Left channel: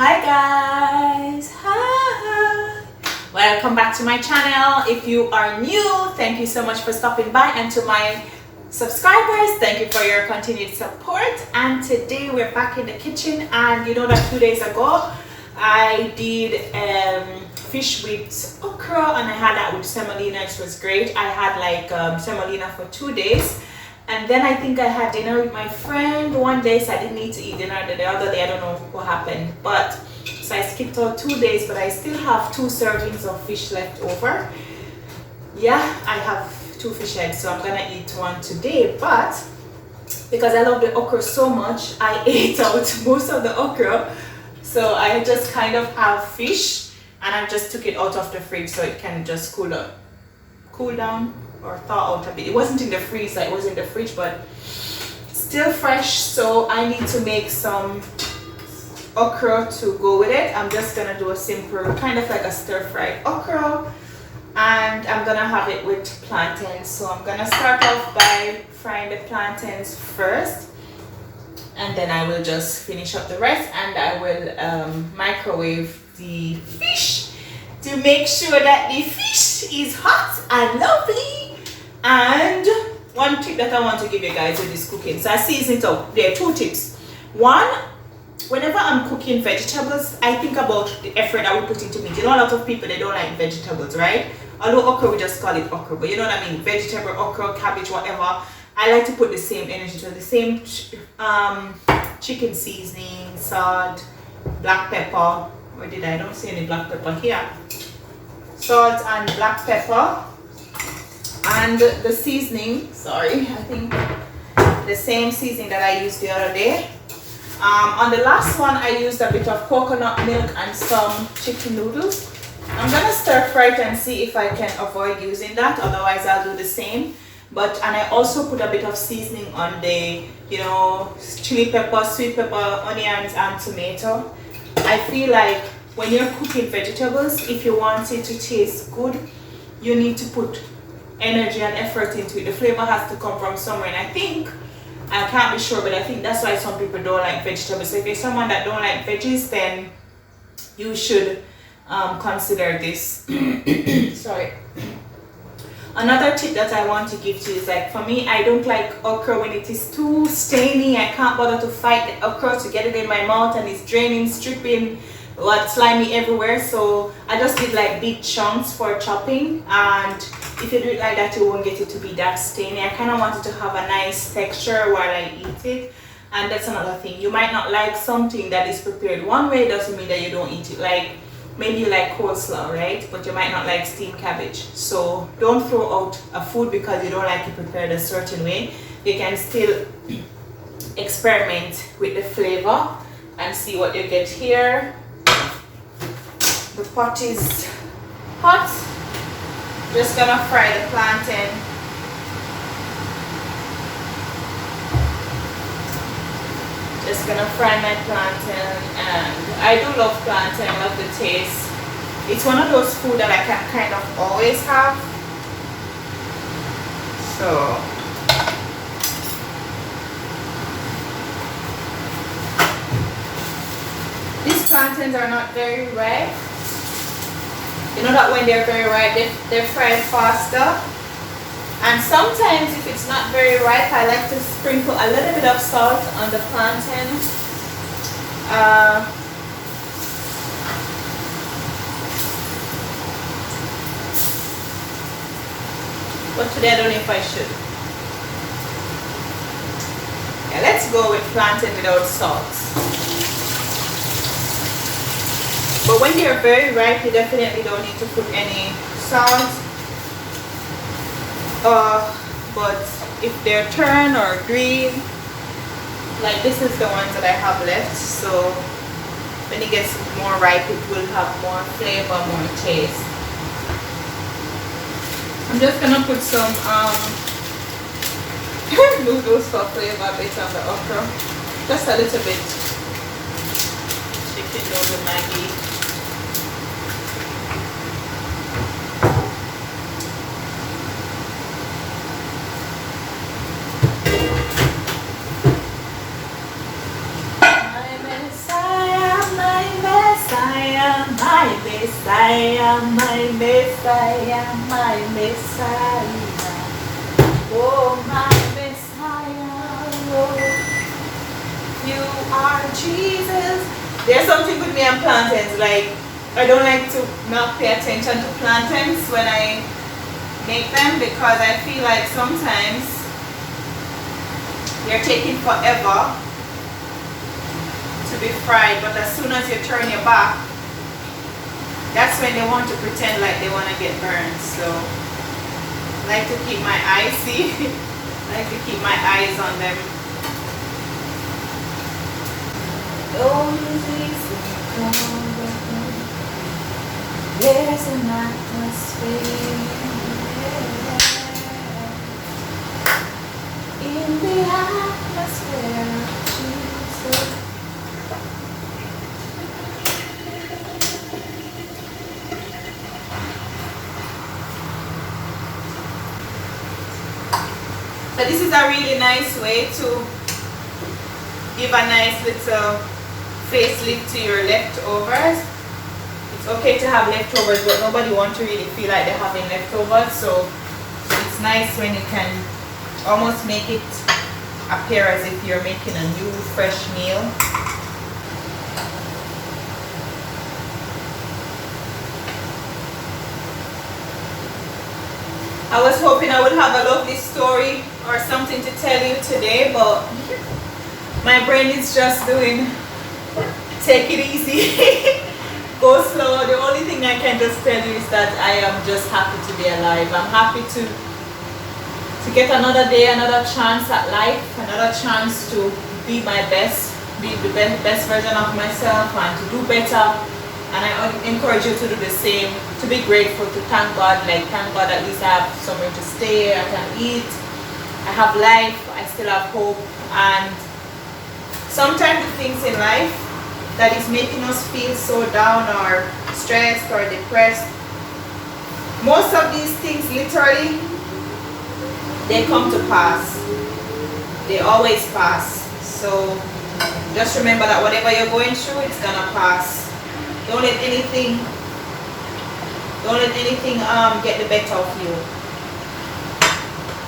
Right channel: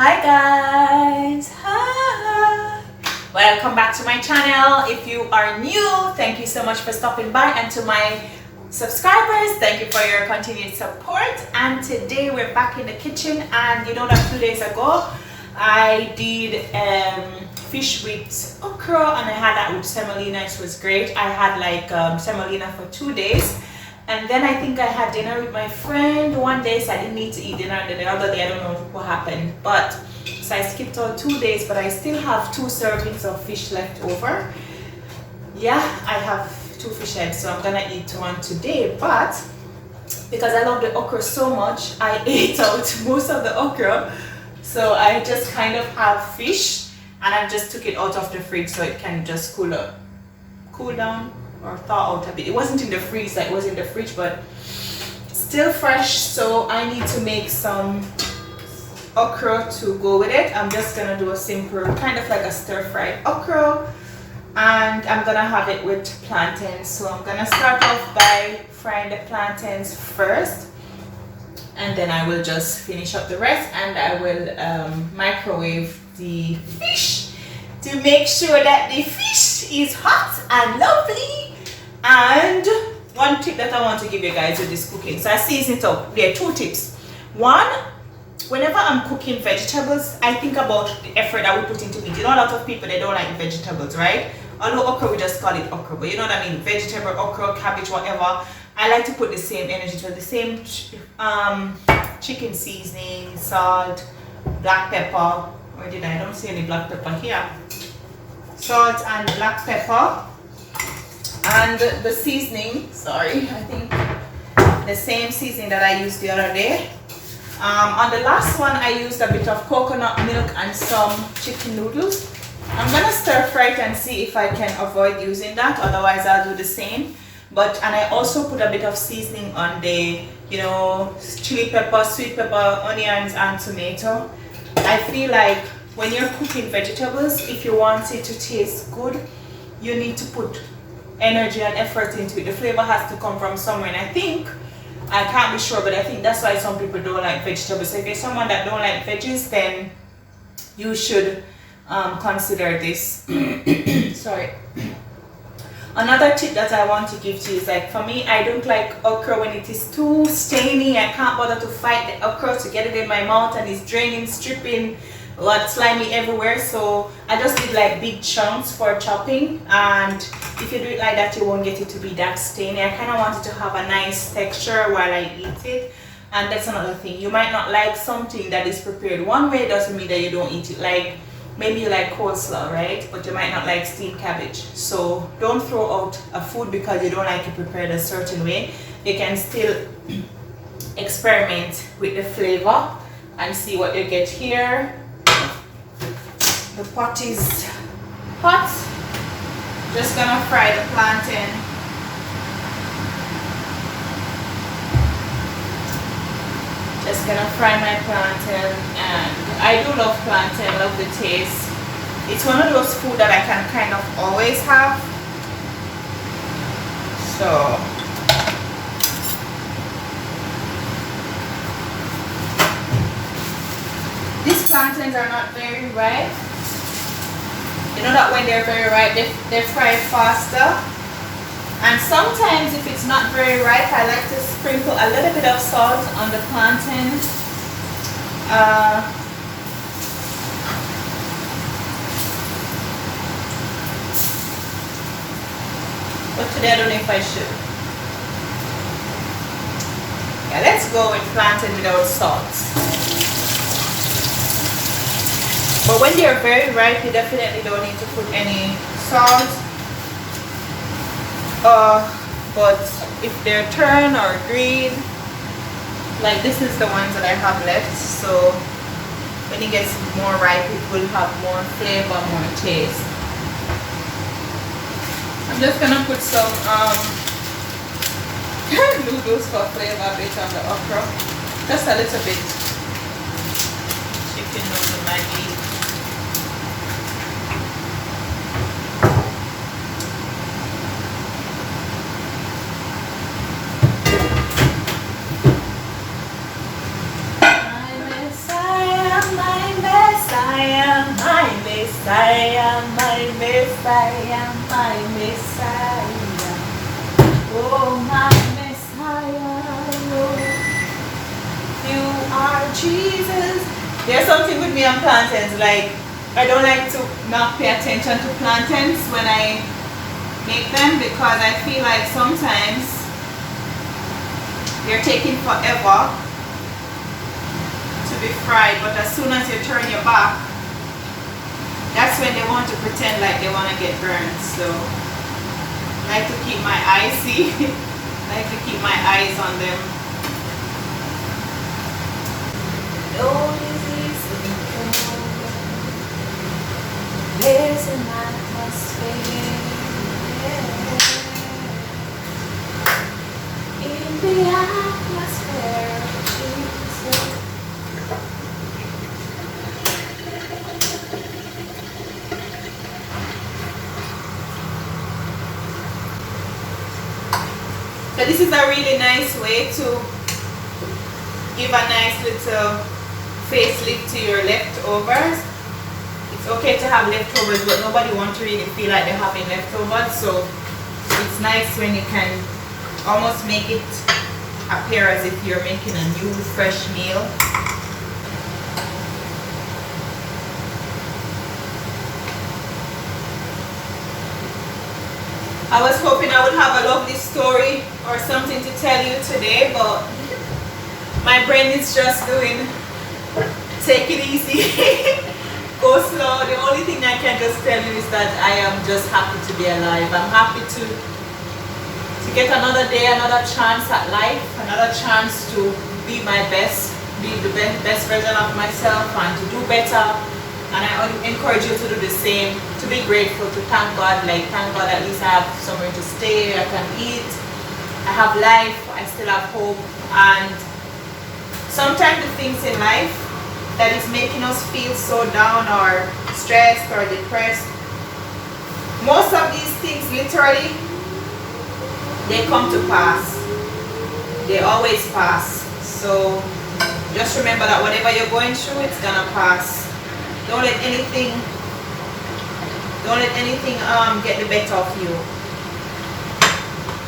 Hi guys, hi, welcome back to my channel. If you are new, thank you so much for stopping by, and to my subscribers, thank you for your continued support. And today we're back in the kitchen, and you know that 2 days ago I did fish with okra, and I had that with semolina. It was great. I had like semolina for 2 days. And then I think I had dinner with my friend one day, so I didn't need to eat dinner. Then the other day, I don't know what happened. But, so I skipped out 2 days, but I still have 2 servings of fish left over. Yeah, I have 2 fish heads, so I'm gonna eat one today. But, because I love the okra so much, I ate out most of the okra. So I just kind of have fish, and I just took it out of the fridge so it can just cool down. Or thaw out a bit. It wasn't in the freezer, it was in the fridge, but still fresh. So I need to make some okra to go with it. I'm just gonna do a simple kind of like a stir-fried okra, and I'm gonna have it with plantains. So I'm gonna start off by frying the plantains first, and then I will just finish up the rest, and I will microwave the fish to make sure that the fish is hot and lovely. And one tip that I want to give you guys with this cooking, so I season it up. There are 2 tips. One, whenever I'm cooking vegetables, I think about the effort that we put into meat. You know, a lot of people, they don't like vegetables, right? Although okra, we just call it okra, but you know what I mean? Vegetable, okra, cabbage, whatever. I like to put the same energy to the same chicken seasoning, salt, black pepper. Where did I don't see any black pepper here? Salt and black pepper. And the seasoning, sorry, I think the same seasoning that I used the other day. On the last one, I used a bit of coconut milk and some chicken noodles. I'm gonna stir fry it and see if I can avoid using that, otherwise I'll do the same. And I also put a bit of seasoning on the, you know, chili pepper, sweet pepper, onions, and tomato. I feel like when you're cooking vegetables, if you want it to taste good, you need to put energy and effort into it. The flavor has to come from somewhere, and I can't be sure, but I think that's why some people don't like vegetables. So if you're someone that don't like veggies, then you should consider this. Sorry. Another tip that I want to give to you is, like, for me, I don't like okra when it is too stainy. I can't bother to fight the okra to get it in my mouth, and it's draining, stripping, slimy everywhere. So I just did like big chunks for chopping, and if you do it like that, you won't get it to be that stainy. I kind of want it to have a nice texture while I eat it. And that's another thing, you might not like something that is prepared one way, doesn't mean that you don't eat it. Like maybe you like coleslaw, right? But you might not like steamed cabbage. So don't throw out a food because you don't like it prepared a certain way. You can still experiment with the flavor and see what you get here. The pot is hot. Just gonna fry the plantain. Just gonna fry my plantain, and I do love plantain, I love the taste. It's one of those food that I can kind of always have. So these plantains are not very ripe. You know that when they're very ripe, they fry faster. And sometimes if it's not very ripe, I like to sprinkle a little bit of salt on the plantain. But today I don't know if I should. Yeah, let's go with plantain without salt. But when they're very ripe, you definitely don't need to put any salt. But if they're turned or green, like this is the ones that I have left, so when it gets more ripe, it will have more flavor, more taste. I'm just gonna put some noodles for flavor based on the okra. Just a little bit. Chicken noodle Maggi. My Messiah, my Messiah, my Messiah, my Messiah. Oh, my Messiah, oh, you are Jesus. There's something with me and plantains, like I don't like to not pay attention to plantains when I make them because I feel like sometimes they're taking forever to be fried, but as soon as you turn your back, that's when they want to pretend like they want to get burned. So I like to keep my eyes, see, I like to keep my eyes on them. There's an atmosphere in the atmosphere. So this is a really nice way to give a nice little facelift to your leftovers. It's okay to have leftovers, but nobody wants to really feel like they're having leftovers. So it's nice when you can almost make it appear as if you're making a new fresh meal. I was hoping I would have a lovely story or something to tell you today, but my brain is just doing take it easy, go slow. The only thing I can just tell you is that I am just happy to be alive. I'm happy to get another day, another chance at life, another chance to be my best, be the best version of myself and to do better. And I encourage you to do the same, to be grateful, to thank God, like thank God at least I have somewhere to stay, I can eat, I have life, I still have hope. And sometimes the things in life that is making us feel so down or stressed or depressed, most of these things literally, they come to pass. They always pass. So just remember that whatever you're going through, it's gonna pass. Don't let anything get the better of you.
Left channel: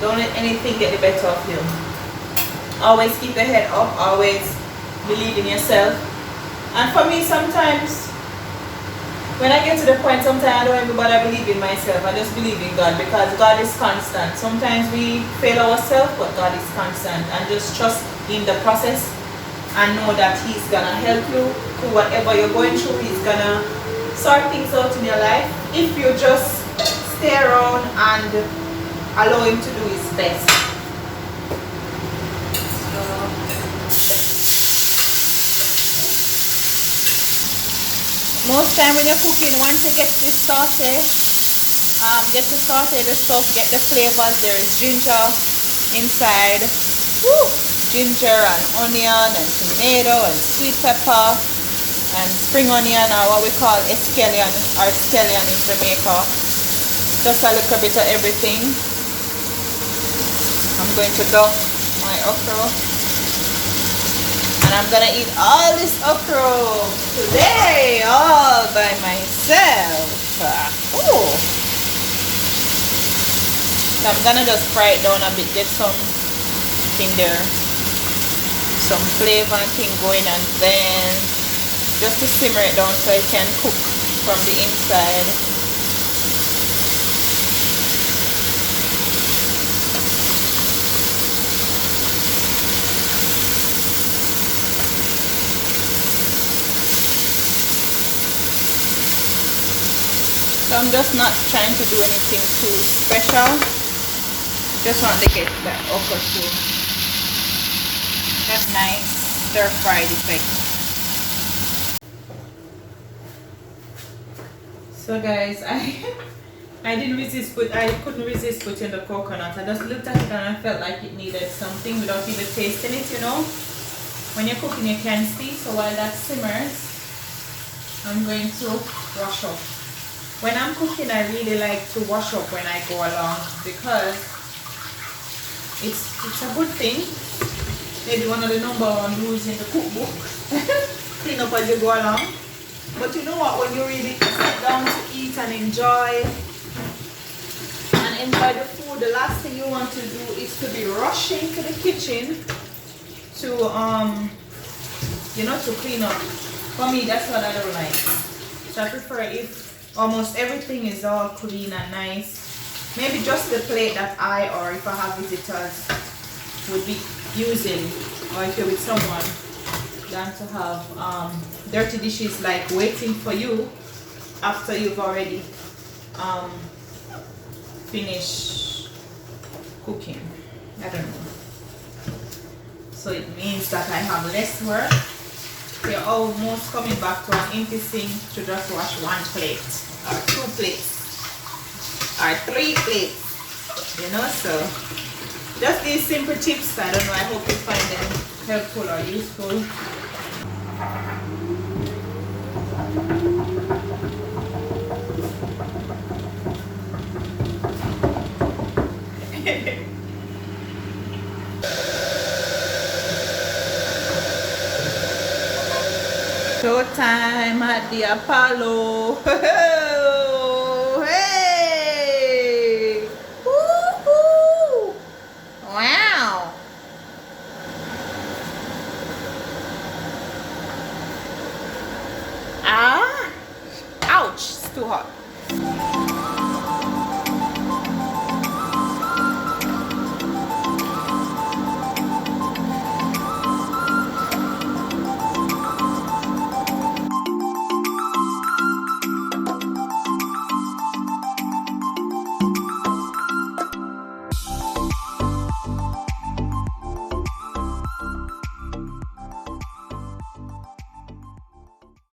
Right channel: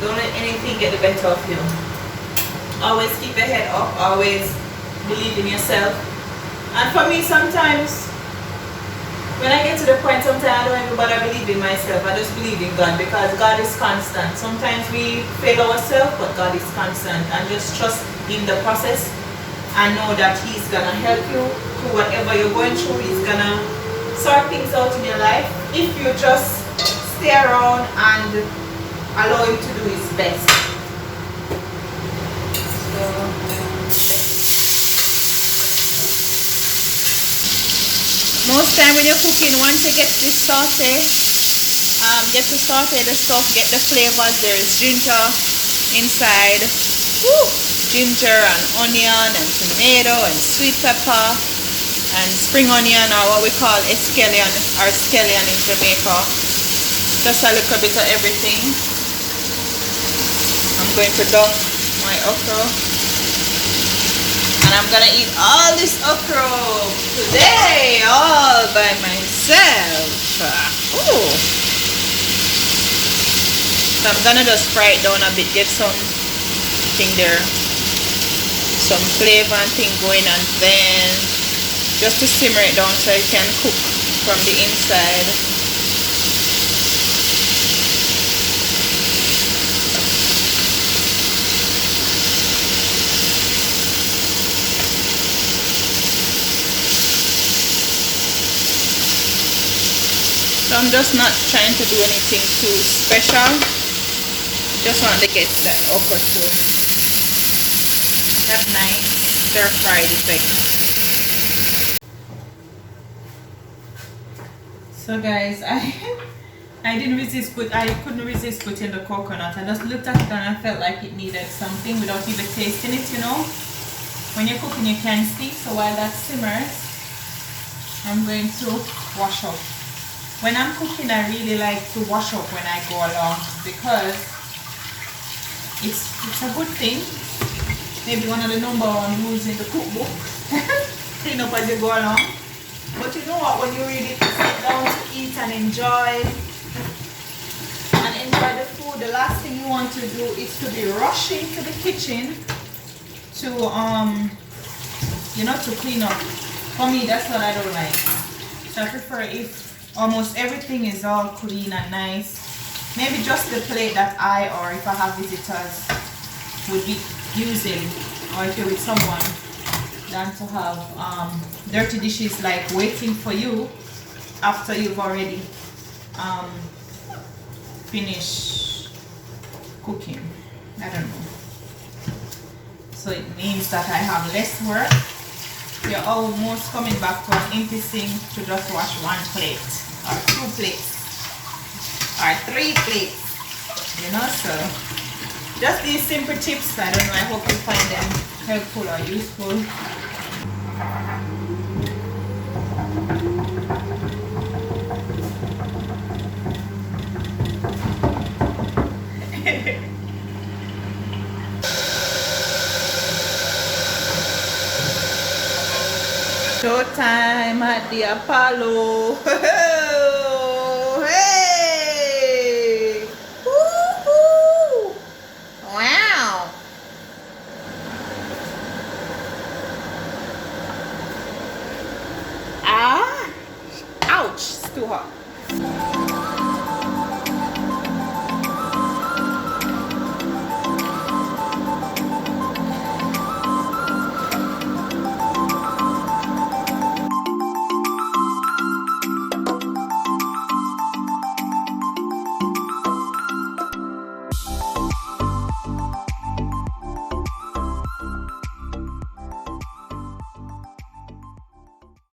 Don't let anything get the better of you. Always keep your head up, always believe in yourself. And for me, sometimes when I get to the point, sometimes I don't even bother believing myself. I just believe in God because God is constant. Sometimes we fail ourselves, but God is constant. And just trust in the process and know that He's gonna help you through whatever you're going through. He's gonna sort things out in your life if you just stay around and allow Him to do His best. So most time when you're cooking, once you get this sauce, get to saute the stuff, get the flavors. There is ginger inside. Woo! Ginger and onion and tomato and sweet pepper and spring onion, or what we call scallion or scallion in Jamaica. Just a little bit of everything. I'm going to dunk my okra, and I'm gonna eat all this okra today all by myself. Ooh. So I'm gonna just fry it down a bit, get something there, some flavor and thing going, and then just to simmer it down so it can cook from the inside. So I'm just not trying to do anything too special. Just want to get that okra to that nice stir-fried effect. So guys, I didn't resist, but I couldn't resist putting the coconut. I just looked at it and I felt like it needed something without even tasting it, you know. When you're cooking, you can see. So while that simmers, I'm going to wash up. When I'm cooking, I really like to wash up when I go along because it's a good thing. Maybe one of the #1 rules in the cookbook. Clean up as you go along. But you know what, when you really sit down to eat and enjoy the food, the last thing you want to do is to be rushing to the kitchen to to clean up. For me, that's what I don't like. So I prefer if almost everything is all clean and nice. Maybe just the plate that I, or if I have visitors, would be using, or if you're with someone, than to have dirty dishes like waiting for you after you've already finished cooking. I don't know. So it means that I have less work. We're almost coming back to an empty sink to just wash one plate, or two plates, or three plates, so just these simple tips. I don't know, I hope you find them helpful or useful. Showtime at the Apollo. Hey! Woo-hoo! Wow! Ah! Ouch! It's too hot.